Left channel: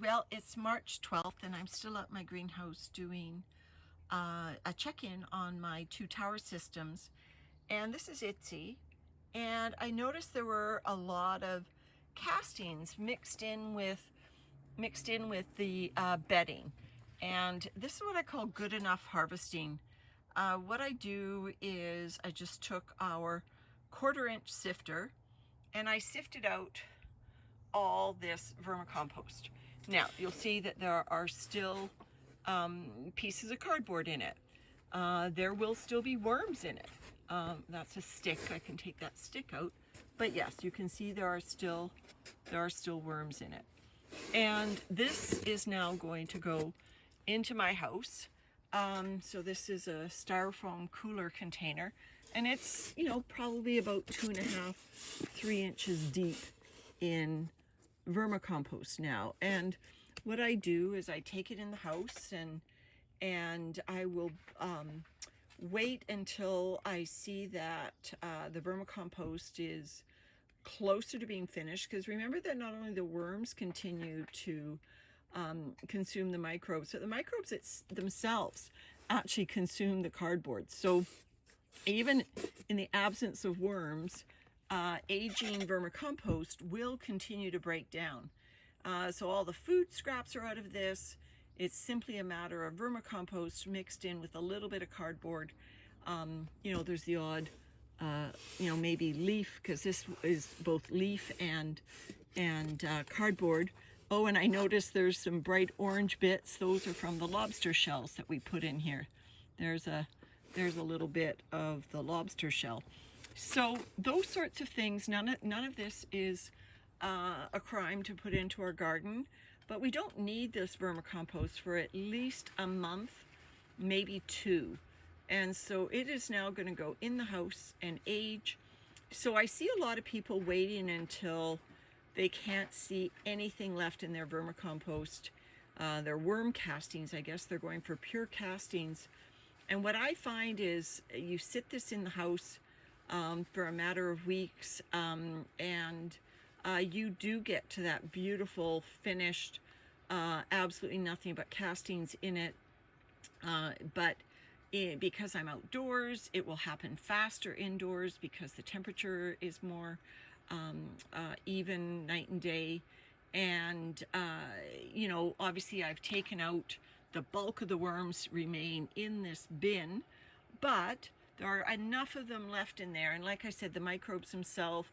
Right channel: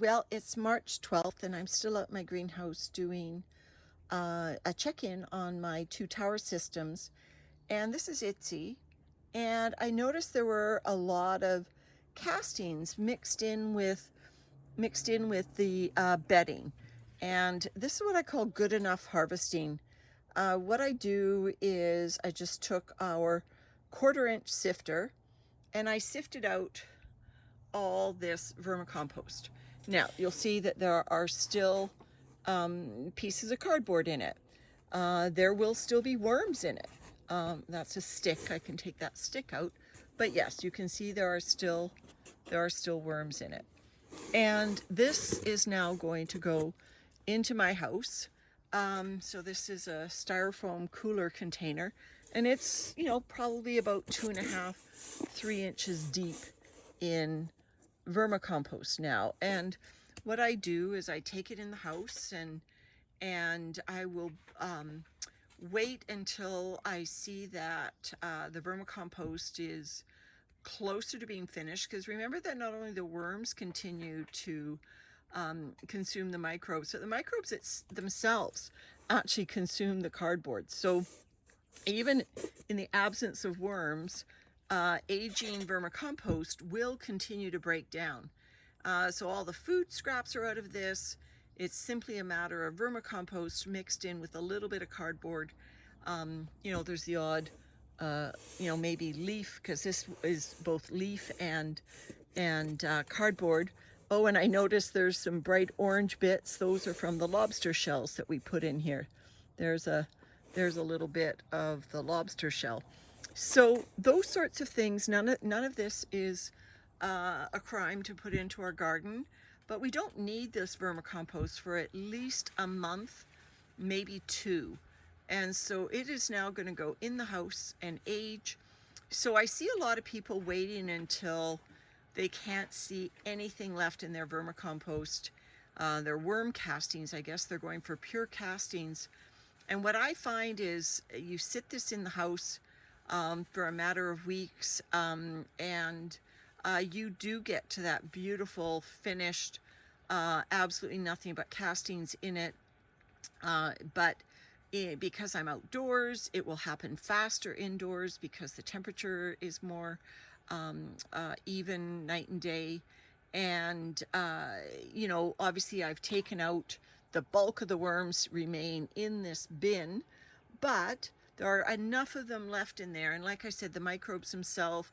Well, it's March 12th and I'm still at my greenhouse doing a check-in on my two tower systems. And this is Itsy. And I noticed there were a lot of castings mixed in with the bedding. And this is what I call good enough harvesting. What I do is I just took our 1/4 inch sifter and I sifted out all this vermicompost. Now you'll see that there are still pieces of cardboard in it. There will still be worms in it. That's a stick. I can take that stick out. But yes, you can see there are still worms in it. And this is now going to go into my house. So this is a styrofoam cooler container, and it's, probably about 2.5, 3 inches deep in vermicompost now. And what I do is I take it in the house and I will wait until I see that the vermicompost is closer to being finished, because remember that not only the worms continue to consume the microbes, but the microbes themselves actually consume the cardboard. So even in the absence of worms, aging vermicompost will continue to break down. So all the food scraps are out of this. It's simply a matter of vermicompost mixed in with a little bit of cardboard. There's the odd, maybe leaf, because this is both leaf and cardboard. Oh, and I noticed there's some bright orange bits. Those are from the lobster shells that we put in here. There's a little bit of the lobster shell. So those sorts of things, none of this is a crime to put into our garden, but we don't need this vermicompost for at least a month, maybe 2. And so it is now going to go in the house and age. So I see a lot of people waiting until they can't see anything left in their vermicompost. Their worm castings, I guess they're going for pure castings. And what I find is you sit this in the house for a matter of weeks, and you do get to that beautiful finished, absolutely nothing but castings in it. Because I'm outdoors, it will happen faster indoors because the temperature is more even night and day. And obviously I've taken out the bulk of the worms, remain in this bin, but there are enough of them left in there. And like I said, the microbes themselves,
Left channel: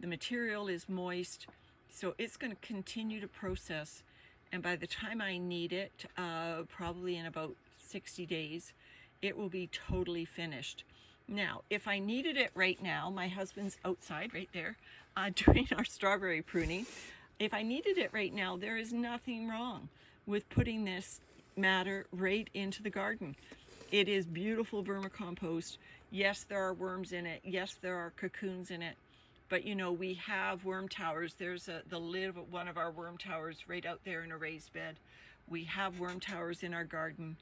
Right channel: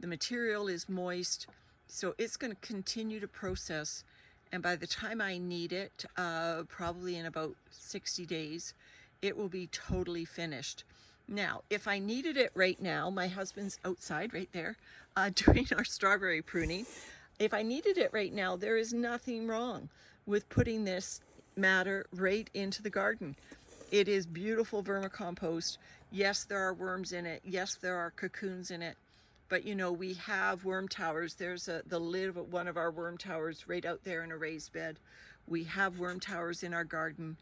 the material is moist, so it's going to continue to process. And by the time I need it, probably in about 60 days, it will be totally finished. Now, if I needed it right now, my husband's outside right there doing our strawberry pruning. If I needed it right now, there is nothing wrong with putting this matter right into the garden. It is beautiful vermicompost. Yes, there are worms in it. Yes, there are cocoons in it. But we have worm towers. There's the lid of one of our worm towers right out there in a raised bed. We have worm towers in our garden.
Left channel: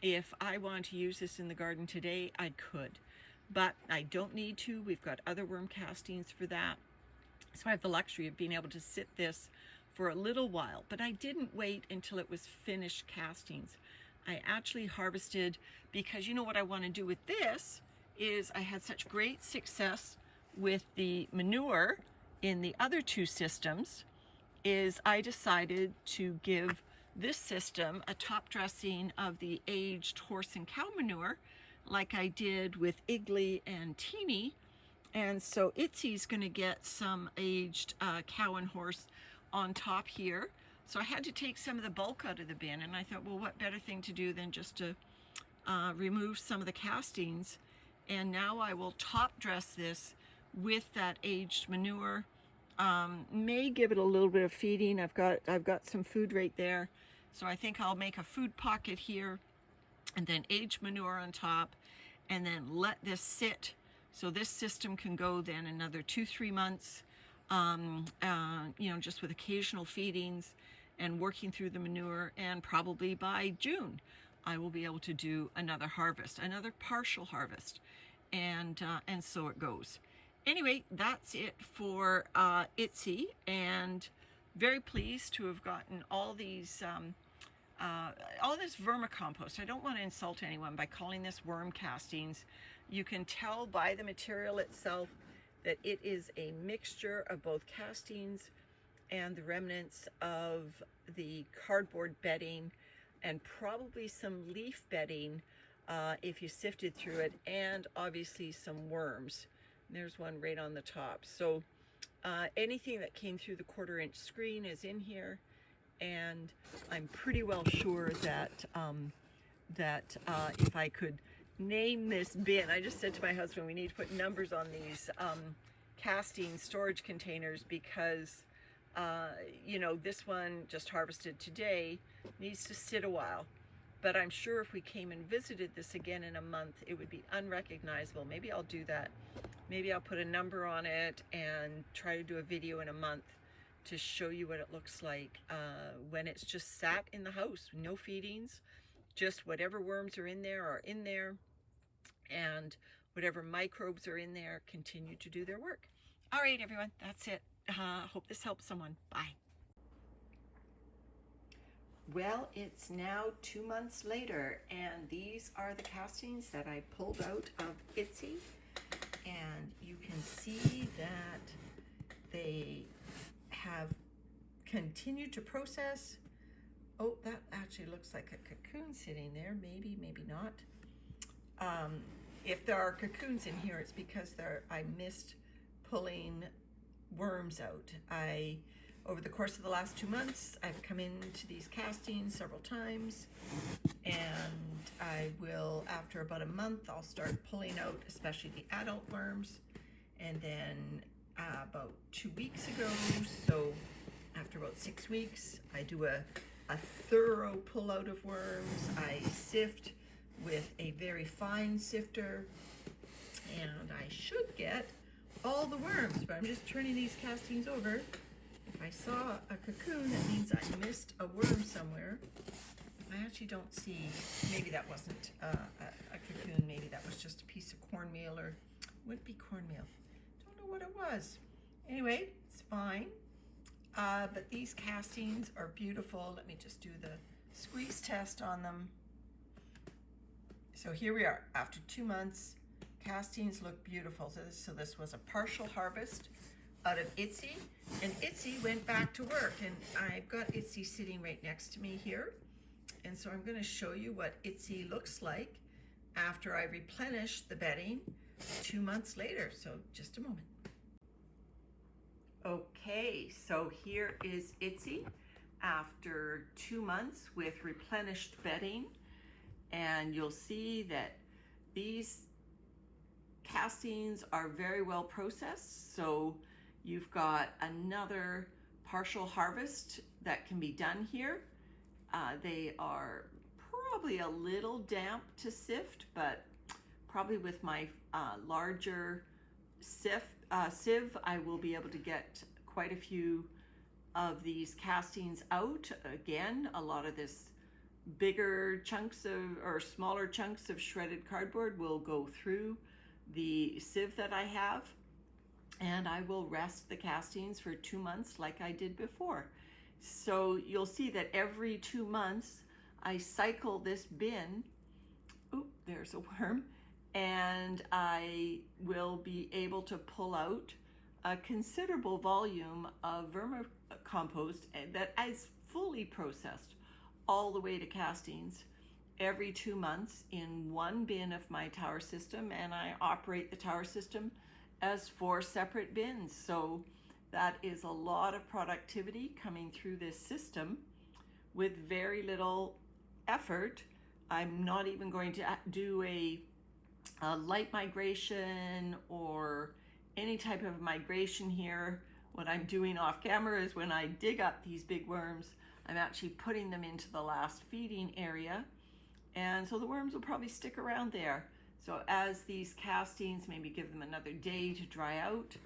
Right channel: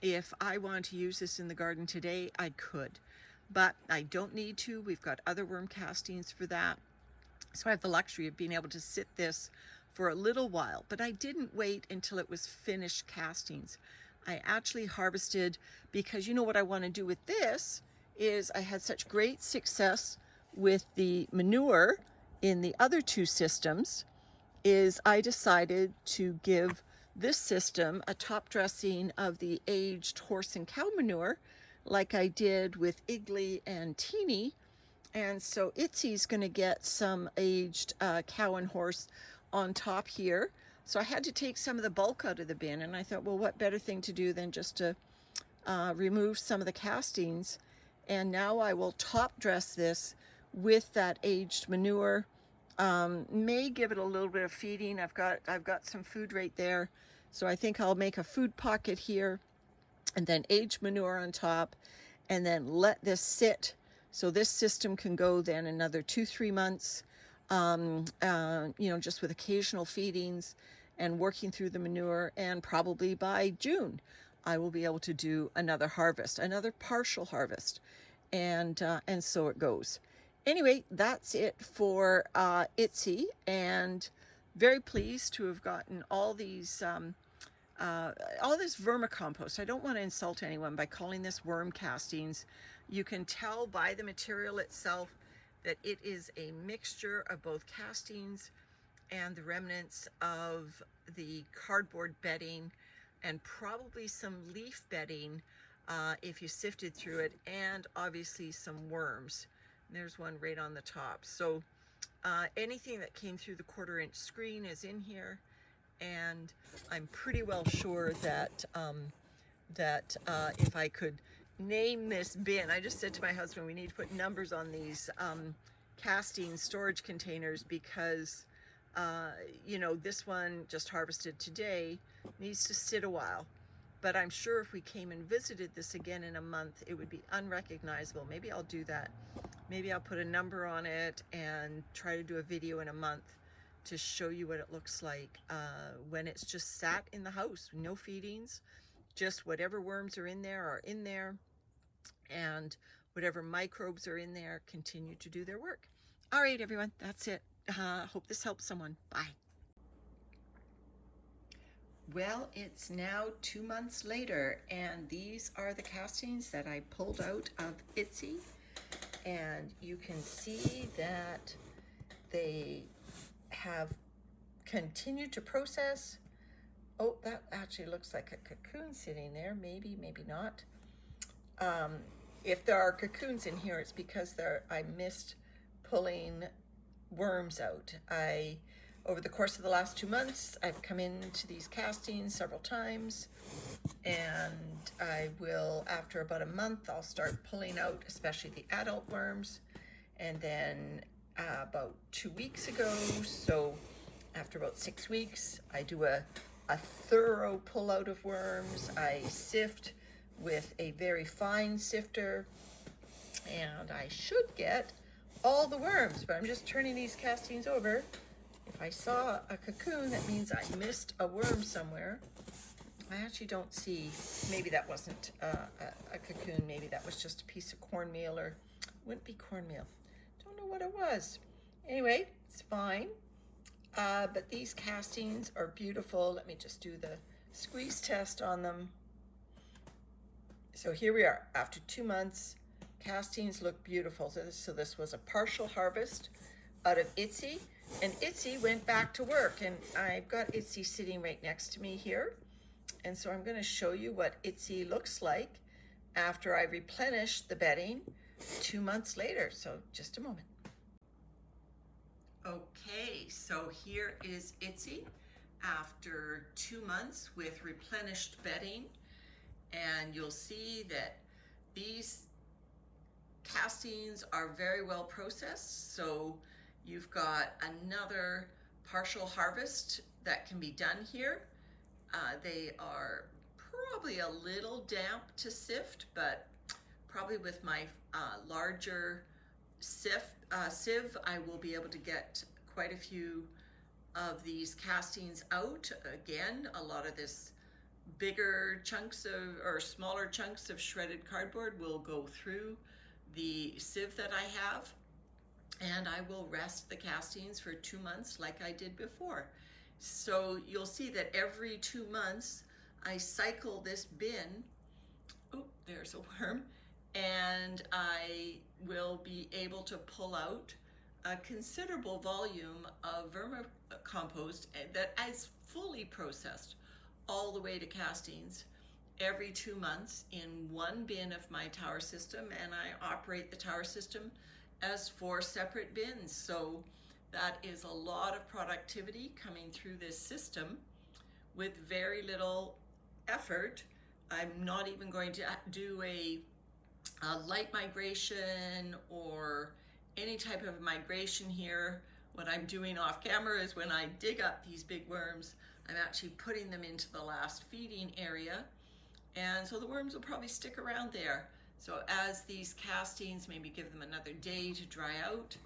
If I wanted to use this in the garden today, I could, but I don't need to. We've got other worm castings for that. So I have the luxury of being able to sit this for a little while, but I didn't wait until it was finished castings. I actually harvested, because what I want to do with this is I had such great success with the manure in the other 2 systems, is I decided to give this system a top dressing of the aged horse and cow manure, like I did with Igley and Teeny. And so Itsy's going to get some aged cow and horse on top here. So I had to take some of the bulk out of the bin, and I thought, well, what better thing to do than just to remove some of the castings. And now I will top dress this with that aged manure. May give it a little bit of feeding. I've got some food right there, so I think I'll make a food pocket here, and then aged manure on top, and then let this sit. So this system can go then another 2-3 months, just with occasional feedings and working through the manure. And probably by June, I will be able to do another harvest, another partial harvest, and so it goes. Anyway, that's it for Itsy and very pleased to have gotten all this vermicompost. I don't want to insult anyone by calling this worm castings. You can tell by the material itself that it is a mixture of both castings and the remnants of the cardboard bedding and probably some leaf bedding if you sifted through it, and obviously some worms. There's one right on the top. So anything that came through the 1/4-inch screen is in here, and I'm pretty well sure that if I could name this bin, I just said to my husband, we need to put numbers on these casting storage containers, because you know, this one just harvested today needs to sit a while. But I'm sure if we came and visited this again in a month, it would be unrecognizable. Maybe I'll do that. Maybe I'll put a number on it and try to do a video in a month to show you what it looks like when it's just sat in the house. No feedings, just whatever worms are in there, and whatever microbes are in there continue to do their work. All right, everyone, that's it. Hope this helps someone. Bye. Well, it's now 2 months later, and these are the castings that I pulled out of Itsy, and you can see that they have continued to process. Oh, that actually looks like a cocoon sitting there. Maybe, maybe not. If there are cocoons in here, it's because I missed pulling worms out. Over the course of the last 2 months, I've come into these castings several times, and I will, after about a month, I'll start pulling out especially the adult worms. And then about 2 weeks ago, so after about 6 weeks, I do a thorough pull out of worms. I sift with a very fine sifter, and I should get all the worms, but I'm just turning these castings over. If I saw a cocoon, that means I missed a worm somewhere. I actually don't see, maybe that wasn't a cocoon, maybe that was just a piece of cornmeal, or wouldn't be cornmeal. Don't know what it was. Anyway, it's fine. But these castings are beautiful. Let me just do the squeeze test on them. So here we are, after 2 months, castings look beautiful. So this was a partial harvest out of Itsy, and Itsy went back to work, and I've got Itsy sitting right next to me here. And so I'm going to show you what Itsy looks like after I replenish the bedding 2 months later. So just a moment. Okay, so here is Itsy after 2 months with replenished bedding, and you'll see that these castings are very well processed. So you've got another partial harvest that can be done here. They are probably a little damp to sift, but probably with my larger sieve, I will be able to get quite a few of these castings out. Again, a lot of this bigger chunks or smaller chunks of shredded cardboard will go through the sieve that I have, and I will rest the castings for 2 months like I did before. So you'll see that every 2 months I cycle this bin. Oop, there's a worm. And I will be able to pull out a considerable volume of vermicompost that is fully processed all the way to castings every 2 months in one bin of my tower system, and I operate the tower system as 4 separate bins. So that is a lot of productivity coming through this system with very little effort. I'm not even going to do a light migration or any type of migration here. What I'm doing off camera is when I dig up these big worms, I'm actually putting them into the last feeding area. And so the worms will probably stick around there. So as these castings, maybe give them another day to dry out,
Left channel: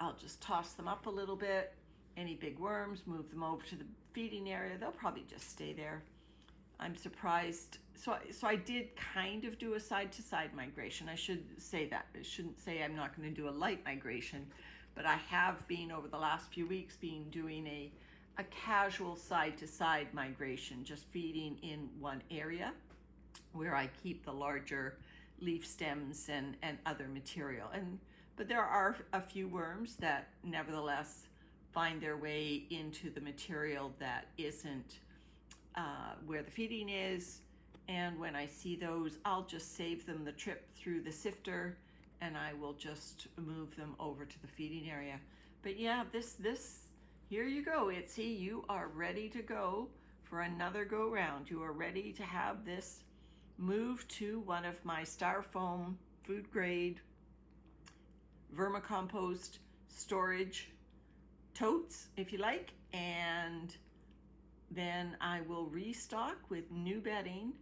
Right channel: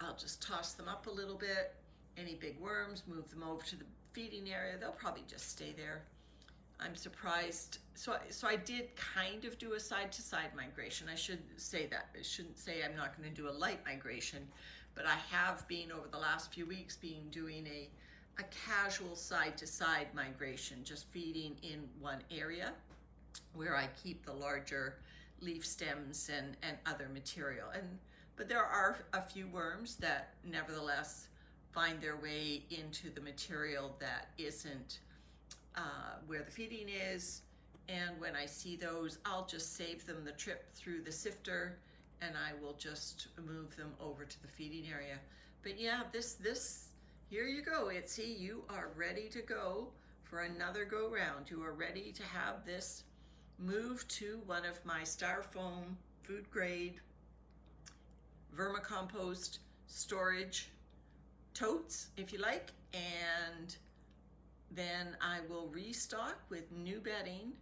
I'll just toss them up a little bit. Any big worms, move them over to the feeding area. They'll probably just stay there. I'm surprised. So I did kind of do a side-to-side migration. I should say that. I shouldn't say I'm not going to do a light migration, but I have been over the last few weeks doing a a casual side-to-side migration, just feeding in one area where I keep the larger leaf stems and other material. But there are a few worms that nevertheless find their way into the material that isn't where the feeding is. And when I see those, I'll just save them the trip through the sifter, and I will just move them over to the feeding area. But yeah, here you go, Itsy. You are ready to go for another go round. You are ready to have this move to one of my styrofoam food grade vermicompost storage totes, if you like, and then I will restock with new bedding.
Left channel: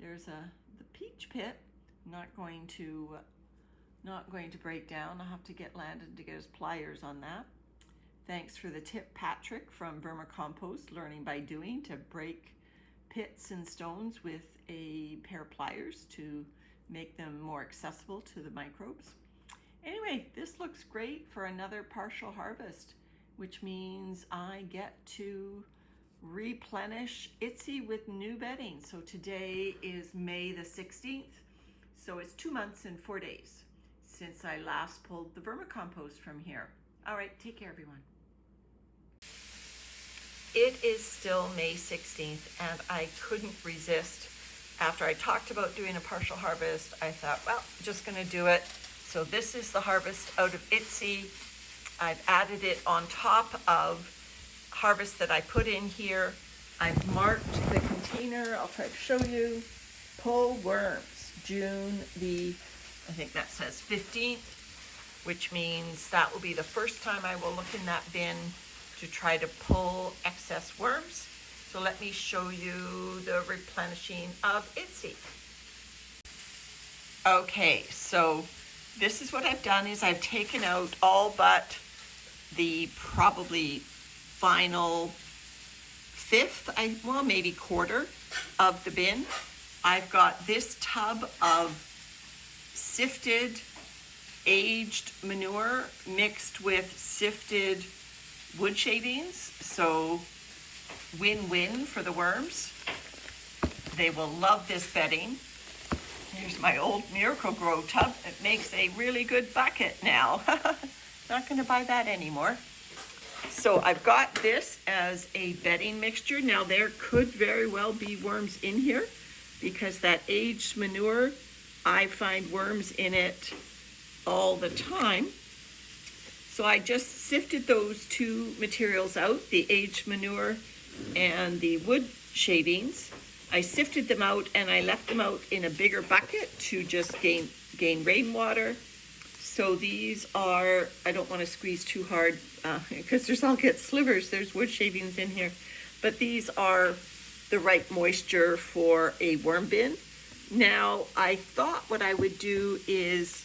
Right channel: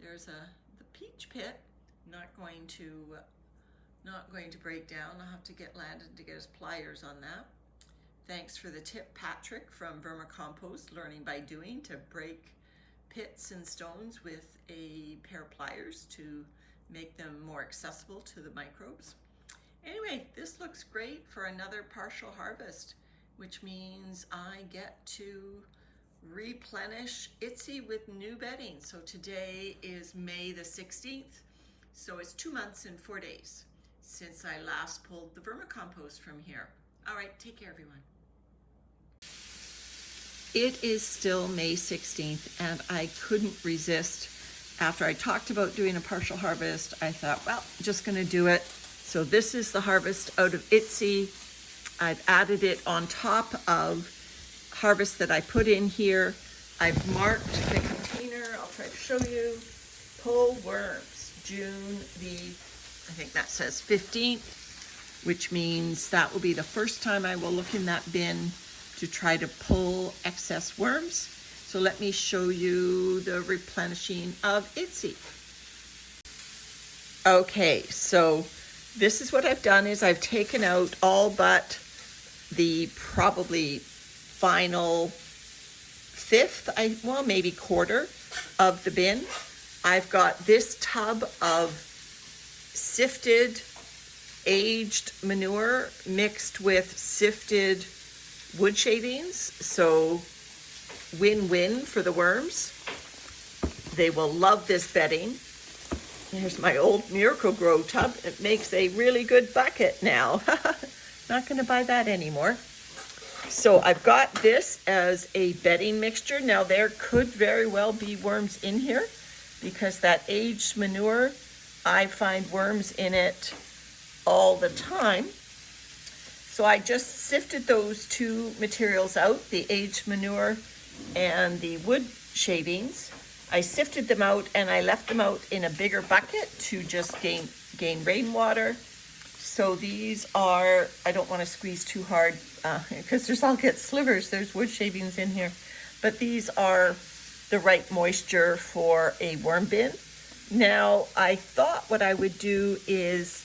There's the peach pit, not going to break down. I'll have to get Landon to get his pliers on that. Thanks for the tip, Patrick from Vermicompost, learning by doing, to break pits and stones with a pair of pliers to make them more accessible to the microbes. Anyway, this looks great for another partial harvest, which means I get to replenish Itsy with new bedding. So today is May the 16th, so it's 2 months and 4 days since I last pulled the vermicompost from here. All right, take care, everyone. It is still May 16th, and I couldn't resist. After I talked about doing a partial harvest, I thought, well, I'm just gonna do it. So this is the harvest out of Itsy. I've added it on top of harvest that I put in here. I've marked the container. I'll try to show you. Pull worms, June the, I think that says 15th, which means that will be the first time I will look in that bin to try to pull excess worms. So let me show you the replenishing of Itsy. Okay, so this is what I've done is I've taken out all but the probably final fifth, well, maybe quarter of the bin. I've got this tub of sifted aged manure mixed with sifted wood shavings, so win-win for the worms. They will love this bedding. Here's my old Miracle-Gro tub. It makes a really good bucket now. Not gonna buy that anymore. So I've got this as a bedding mixture. Now there could very well be worms in here because that aged manure, I find worms in it all the time. So I just sifted those two materials out, the aged manure and the wood shavings. I sifted them out and I left them out in a bigger bucket to just gain rainwater. So these are, I don't want to squeeze too hard because I'll get slivers. There's wood shavings in here. But these are the right moisture for a worm bin. Now, I thought what I would do is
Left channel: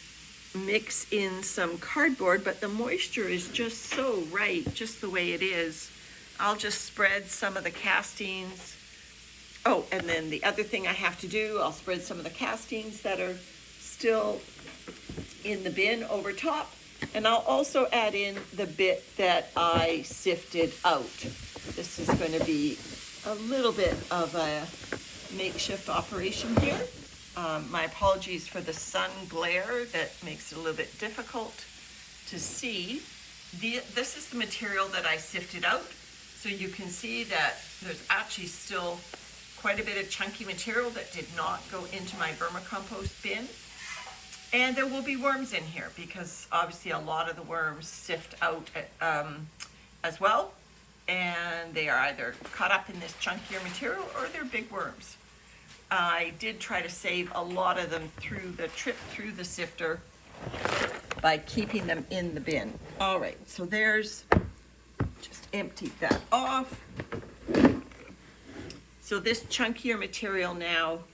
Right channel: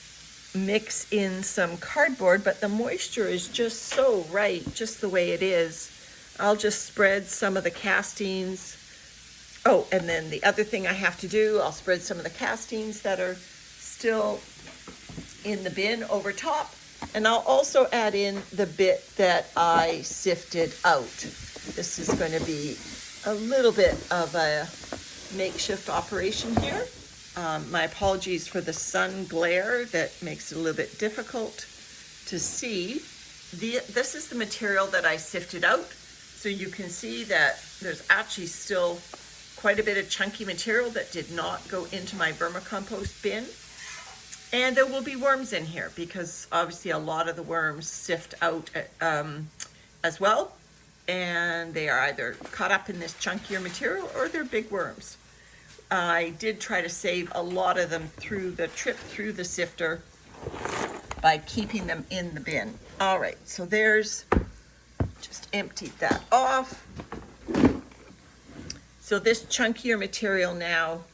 mix in some cardboard, but the moisture is just so right, just the way it is. I'll just spread some of the castings. Oh, and then the other thing I have to do, I'll spread some of the castings that are still in the bin over top, and I'll also add in the bit that I sifted out. This is going to be a little bit of a makeshift operation here. My apologies for the sun glare that makes it a little bit difficult to see. This is the material that I sifted out. So you can see that there's actually still quite a bit of chunky material that did not go into my vermicompost bin. And there will be worms in here because obviously a lot of the worms sift out as well. And they are either caught up in this chunkier material or they're big worms. I did try to save a lot of them through the trip through the sifter by keeping them in the bin. All right, so there's, just emptied that off. So this chunkier material now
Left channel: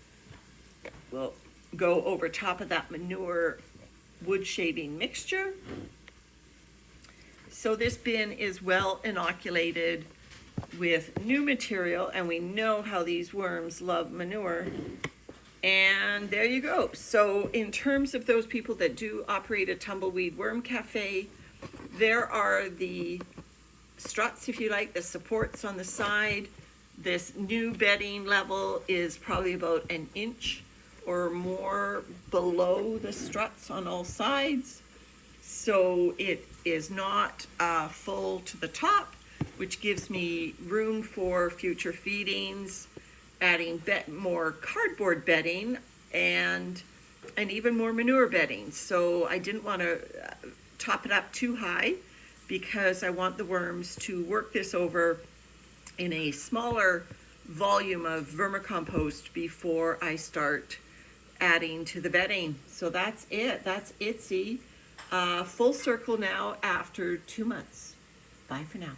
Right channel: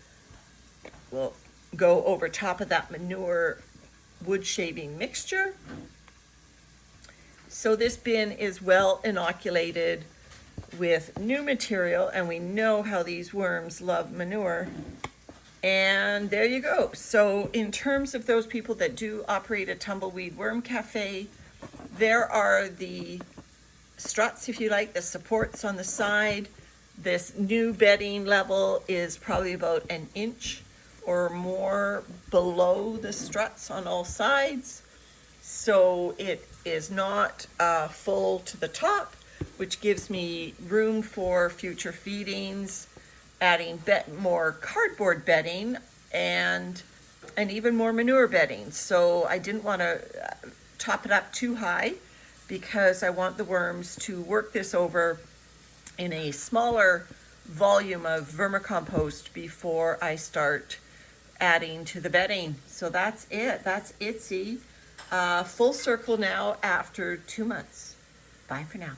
will go over top of that manure wood shaving mixture. So this bin is well inoculated with new material, and we know how these worms love manure. And there you go. So in terms of those people that do operate a tumbleweed worm cafe, there are the struts, if you like, the supports on the side. This new bedding level is probably about an inch or more below the struts on all sides. So it is not full to the top, which gives me room for future feedings, adding more cardboard bedding and even more manure bedding. So I didn't want to top it up too high because I want the worms to work this over in a smaller volume of vermicompost before I start adding to the bedding. So that's it. That's Itsy. Full circle now after 2 months. Bye for now.